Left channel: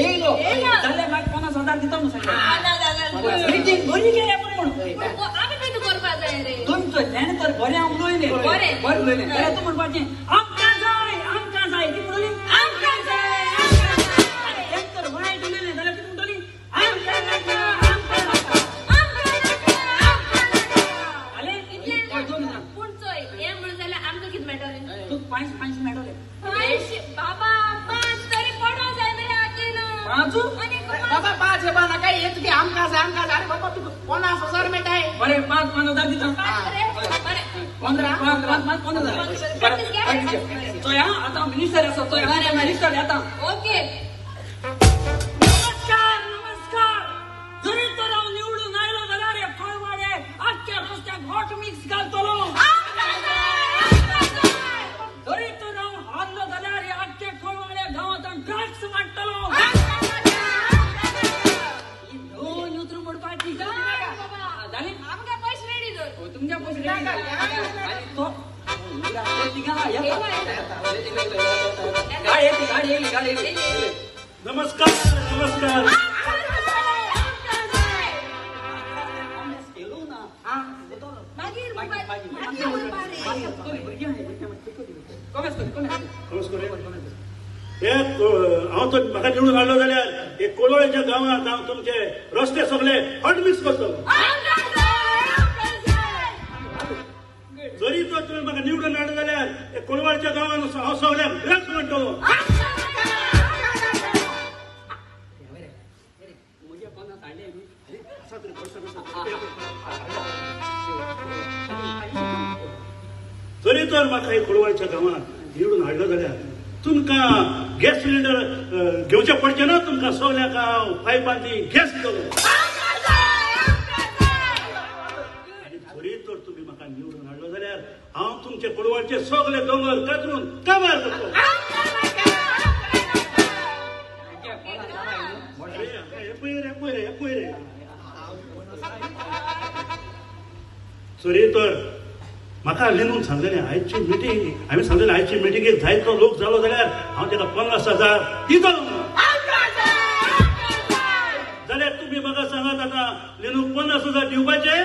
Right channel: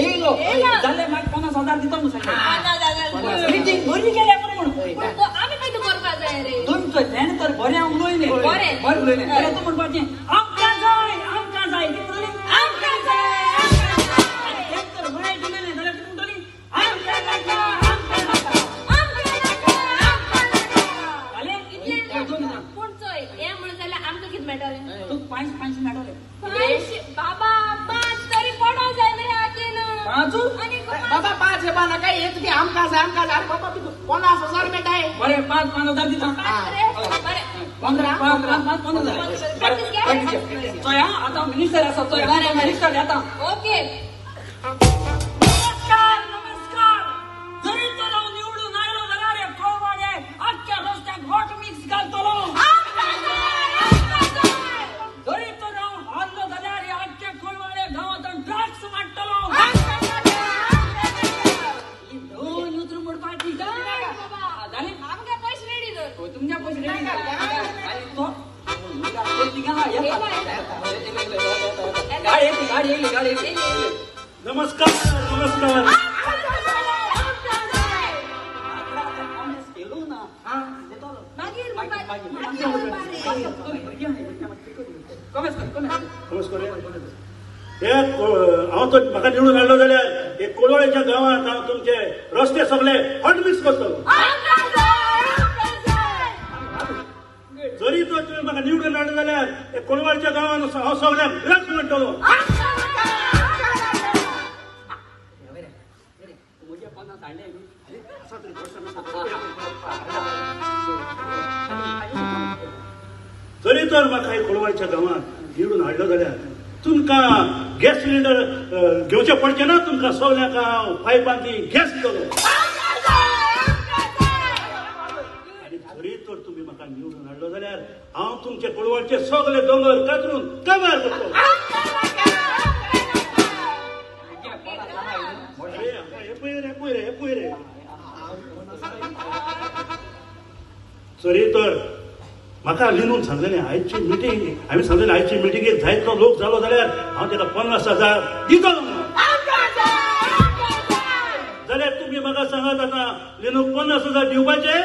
येयलो जाल्यार म्हाका 50,000 दिता म्हणून सांगलें मीटिंग बरी केल्या म्हणून आमी काय करपा जाय रे तुमचो ध्यान तर बरें उलयलें बरें उलयलें अरे तूं म्हणपाचें आमकां जाय ती म्हणली आमकां जाय एक तर वायट उलयलें जाल्यार ती म्हणटली आमकां नाका पुणचोय हे म्हणून जाल्यार आमकां कितें मेळटलें तू 5 मेळटले बाबा 5 तरी पडो जाय मरे आतेन 5 बाबा 5 हे बाना काय येत की आमकां जाय बाबा ती 50,000 मेळटाय बरे 5,000 दिता अरे 15 चोया आता मिनिस्टर आसा चोया मिनिस्टर येता ओके नमस्कार जरी तर हांव निवडून आयलो जाल्यार हे कोळवाडे आख्ख्या रस्त्याक हॉट मिक्स घालतलो जरी तर हांव हारलो जाल्यार हे आख्ख्या कोळवाडे गांवांत ड्रग्स मांडटलो दोन उतर मोडपाची जाली आमकां पयशे रेडी कर तुमच्या पयशे रेडी आणि तो गाडी नमस्कार हांव तो म्हाका निवडून हाडलो जाल्यार एक कोळवळेच्या गांवांत हांव तुमचे रस्ते सगळे हॉट मिक्स करतलो जरी तर तुम्ही म्हाका निवडून हाडलो जाल्यार एक कोळवळेच्या गांवांत हांव सगळ्यांक ड्रग्स म्हणटलो जरी तर म्हाका एक कोळवळेच्या गांवांत निवडून हाडलो जाल्यार तुमकां गॅस सिलिंडर घेवचे पडचे ना तुमकां सगळ्यांक हांव पायपांनी गॅस दितलो आनी जरी तर तुमी म्हाका निवडून हाडलो जाल्यार हांव तुमचे कोळवळचे सगळे दोंगर कातरून काबार करतलो जरी तर म्हाका लिनून सांगलेलें आयची मिटींग हांवें सांगलेलें आयची मिटींगेक जायतो लोक जालो जाल्यार हांव ताका 50,000 दितलो जाल्यार तुमी म्हाका सांगात आतां लिनूक 50,000 दिवपाचे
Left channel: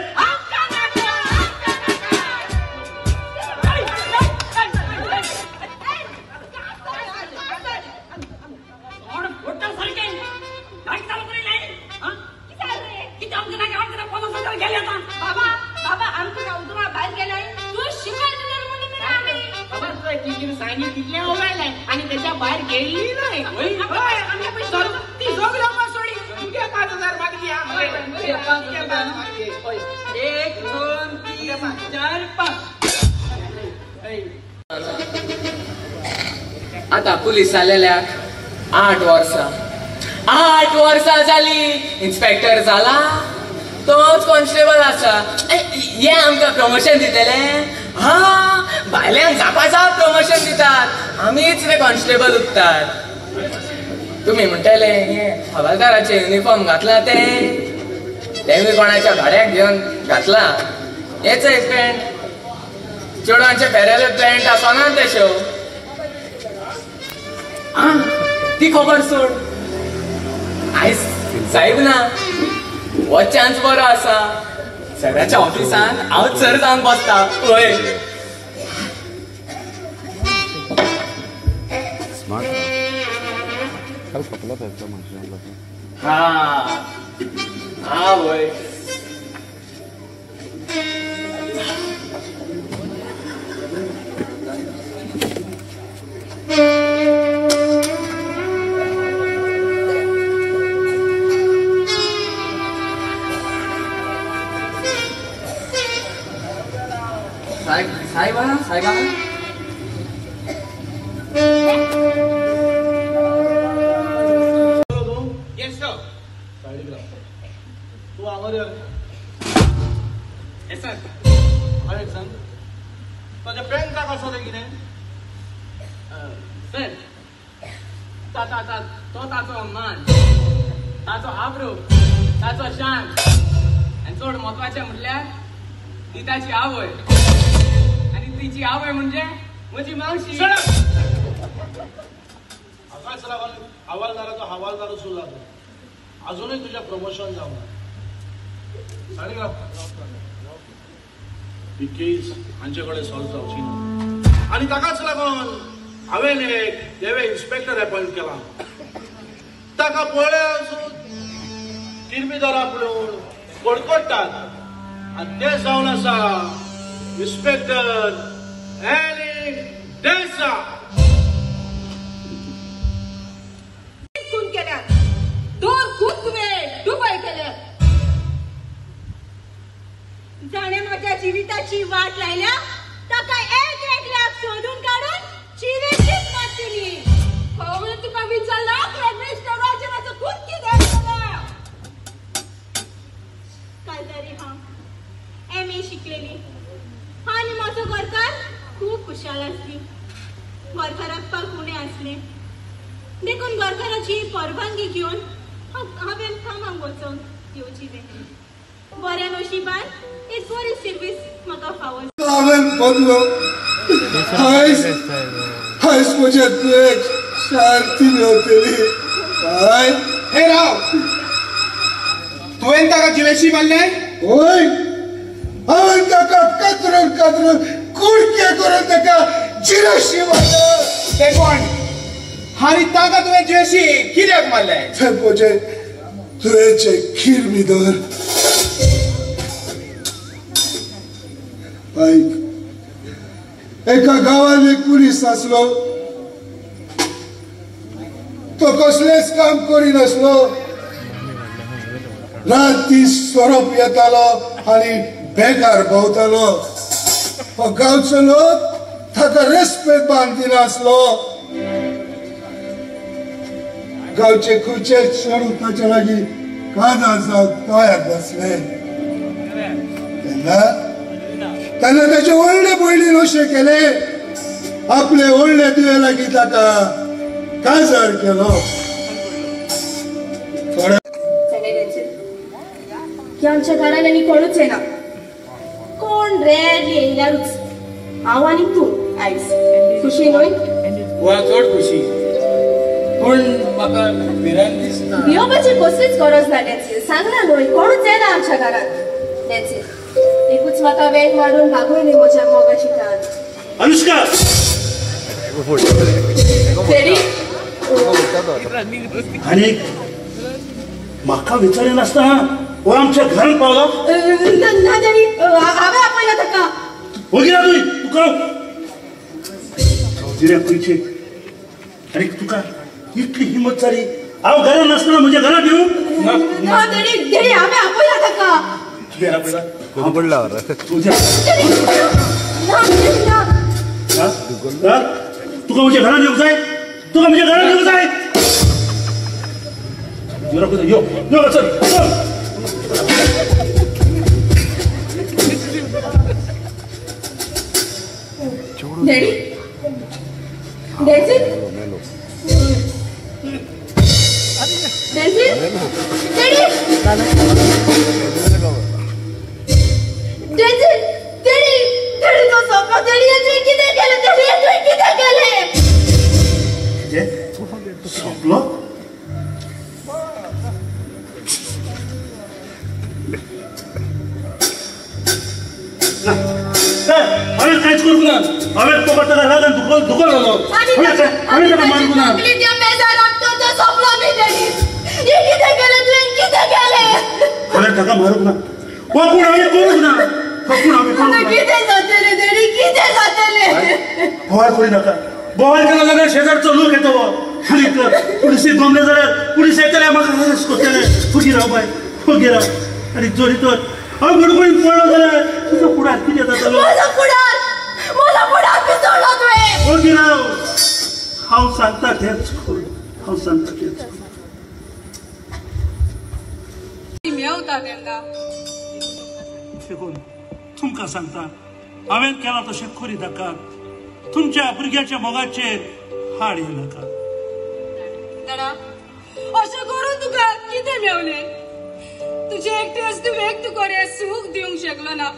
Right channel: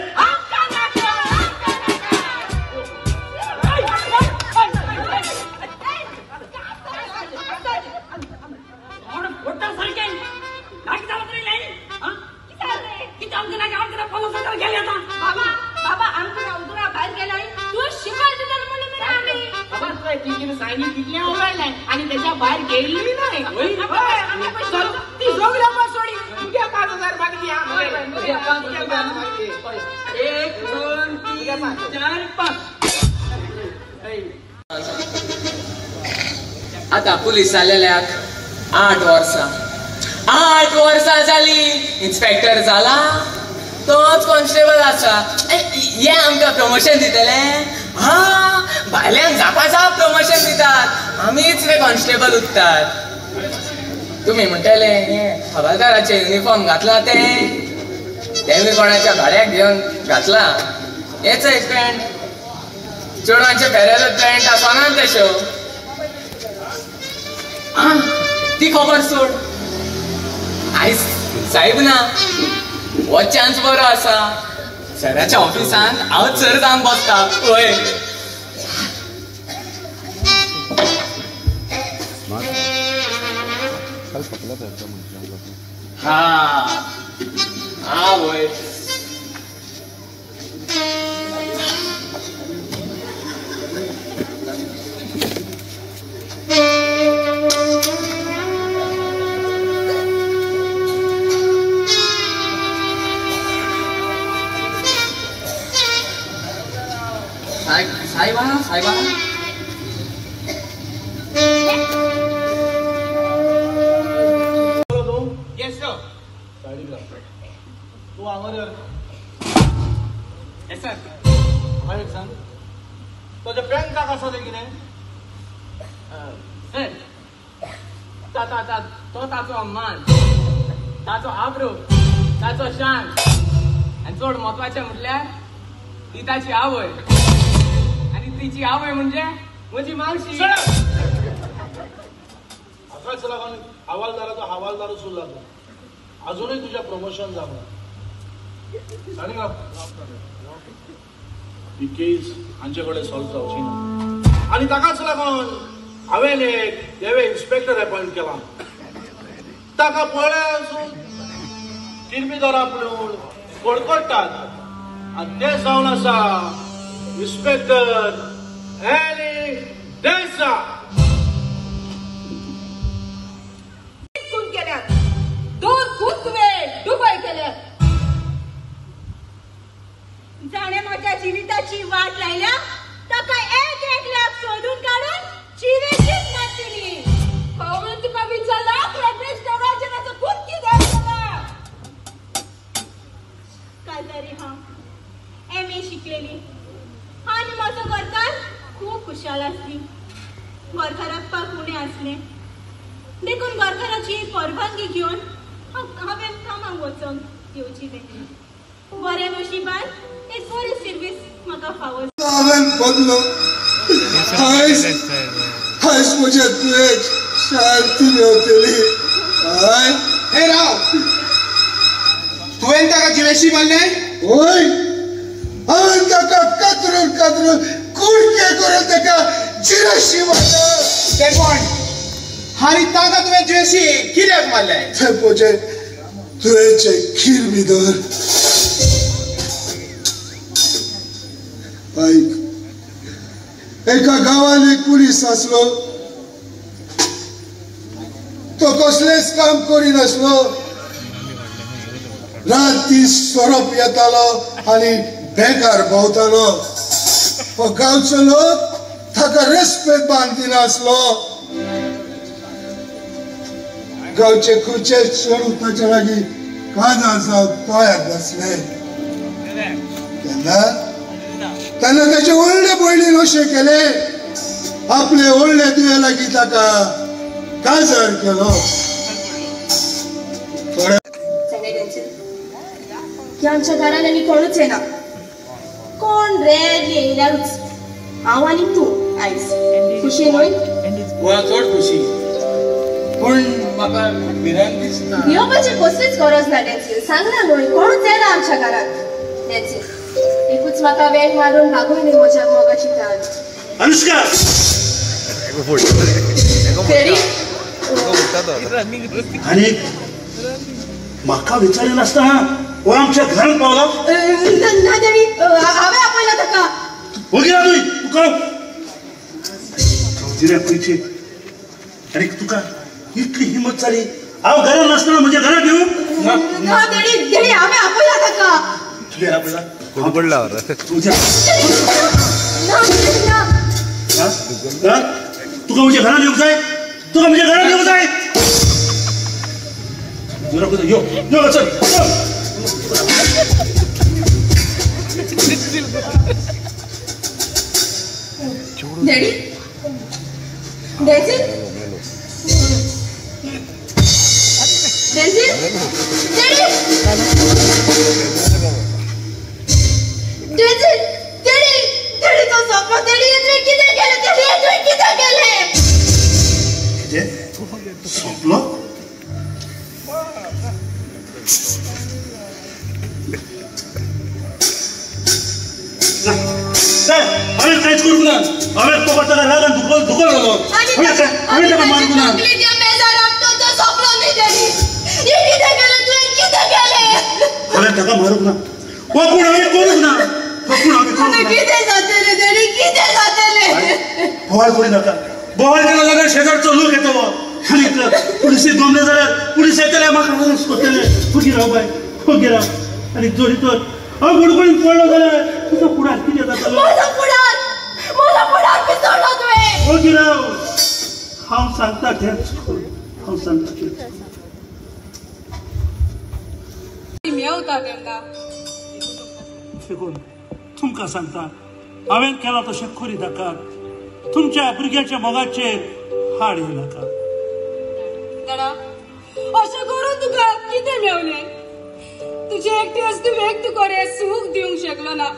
सांगी कितल्या उगडलें आनी तेच्या भायर गेल्ली नाही ती सगळ्या सोडी तुगे 5,000 म्हाका दिया 1 2 3 4 5 आता पुलीस जालेल्याक 8 वर्सां जाली इन्स्पेक्टर जाला तोच कॉन्स्टेबल आसा हे आमकां प्रमोशन दितले भायल्यांक जापाचा प्रमोशन दितात आमीच रे कॉन्स्टेबल उरतात तुम्ही म्हणटले हवालदाराचे युनिफॉर्म घातला तेमी कोणाच्या भाड्याक घेवन घातला हेच आहे पॅन्ट चेडवांचे पेरेलो पॅन्ट आसना तेश्यो ती खबर सोड आयज साहेब ना हो चान्स बरो आसा सराच्या ऑफिसांत हांव सर जावन बसता पळय वय साहेबा तू आंगोर तुझे पॅन का कसं दे किने तो ताचो मान ताचो आब्रू ताचो शान आणि चड महत्वाचे म्हटल्यार ती ताची आवय आणि तिची आवय म्हणजे म्हजी मावशी चला हवालदाराचा हवालदार सुरू लागला. अजूनही तुझ्या प्रमोशन जावं. ही केस हांच्याकडे सॉल्व जावची ना आणि ताकाच लागून हांवें एक देवे इन्स्पेक्टर अपॉइंट केला. ताका पळय अजून किरमिदार आपलो कडकडटात आणि ते जावन आसा इन्स्पेक्टर एली देसाई. खून केल्यात, दोन खून तुवें दुबय केल्यात. जाणे माझ्या जीविताची वाट लायल्या ताका एक लाख सोडून काढून चिरेचीच मारतली. म्हणून तुका विचारला मिस्टर राजनाचं खून कितें केला. काल तरी हांव MA शिकलेली आणि माझो घरकार खूप खुशाल असली. घरकाराक पाकुणे असले देखून घरकाराची परवानगी घेऊन हांवें कामाक वचून येवची. बऱ्या नशिबान एक बरी सर्वीस म्हाका फावो. हांवें बदलो हायस म्हज्या तुवें शांती मेळटली. हय हे राव, तुवें ताका जिवेशी मारले? होय, हांवें ताका कातरून कातरून कुडके करून ताका जिरशी मारलो. ते कोण? आणि ताका तुवें जिवेशी कित्याक मारले? ते म्हजे तुवेंचे किरमिदार. ऐक, एका गावात एक पुलीस आसलो. तो कसलेच काम करिनासलो. रात दीस सोरोप येतालो आणि बेकार भोंवतालो. तो गांवचो लोक ताका रेस्पेद बांदिनासलो. गांवचे खुर्चे चढून ताच्या लागीं काजार जावन तयार बसले. तेन्ना ताचे व्हडले पयलीन अशें केले, आपले व्हडले तुवें लागीं ताका काजार केलो. की आमच्या घरान आनी कोणूच येना. कोण रेर येयल्यारूच हांव आनी तू आयज खुशी न्हय. चड खुशी, पूण म्हाका भिरांत दिसता. येवपाची कसलीच गरज ना. डॅन्सी सांगना न्हय, कोणूच येना आमच्या घरात. डॅन्सी एकूच म्हाका वेग मारून लागूय न्हय म्हज्या मोगाची कान. अनुष्का आणि म्हाका विचारिनासतना हो आमच्या घरात पावलो. ना देवी, हांवें आपयला ताका. वगैरे तुमी तुका जिऱ्या पयचे आणि तुका इतली हिंमत जाली हांव घरात नासतना म्हज्या घरात येऊ. ना देवी, देवी हांवें आपयला ताका. तुवें आपला कोण पडला तुझ्या ना देवी ना. तुका म्हज्या घरात येऊ जाय. तुका म्हज्या घरात येऊ जाय. जिरा कुठे यो यो चल. डॅडी, डॅन्सी, डॅन्सी, डॅडी, डॅन्सी, डॅडी, डॅडी तो स्वप्न. डॅडी येतोय कितें केलें? डॅडी येतोय कितें केलें? कितें स्वप्न? हांवें कांयच करूंक ना. हांवें तो ताका लागून धुकल घालो. हांवें ताका मारूंक ना. हांवें ताका मारूंक ना. कोण हांवें करूंक ना. बोवाळ करूं नाका. बोवाळ केलो जाल्यार शेजारचो लोक येतो. आनी पुलिसेक गमले जाल्यार पुलीस येतले म्हाका अरेस्ट करतले. फुटी राव बाय, फुटी राव. आनी जोरी तर हांव गडबडीन पळलो जाल्यार तुजो फुडार कितें जातलो? फुटी राव. हांव सांगता तेंच कर. हांव सांगता तेंच कर. मेवता तेन्ना देखून तुमकां सांगता हांवें केला तशें करी नाकात. तुमच्या भुरग्याच्या मोगाचेर हाड येवं नाका. दादा, अशें करून तुका कितें मेवलें? तुजे एकटे वस्तू वेग तुका रे सूख दिवंक शकलो ना.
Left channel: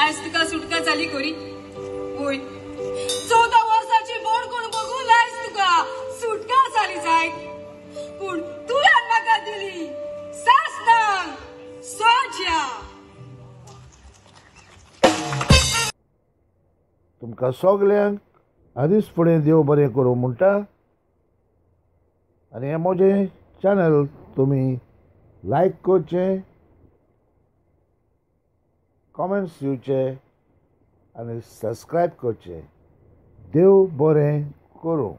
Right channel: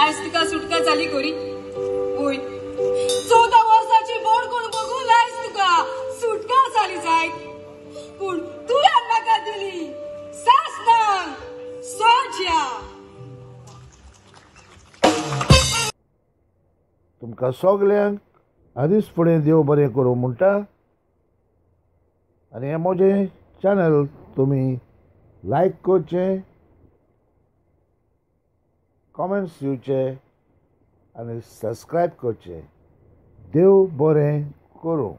आयज तुका सुटका जाली कोरी. वय 14 वर्साची बोड कोण बघून आयज तुका सुटका जाली. तुमकां सगल्यांक आदींच फुडें देव बरें करूं म्हणटा आनी हें म्हजें चॅनल तुमी लायक करचें, कॉमेंट्स दिवचे आनी सबस्क्रायब करचें. देव बरें करूं.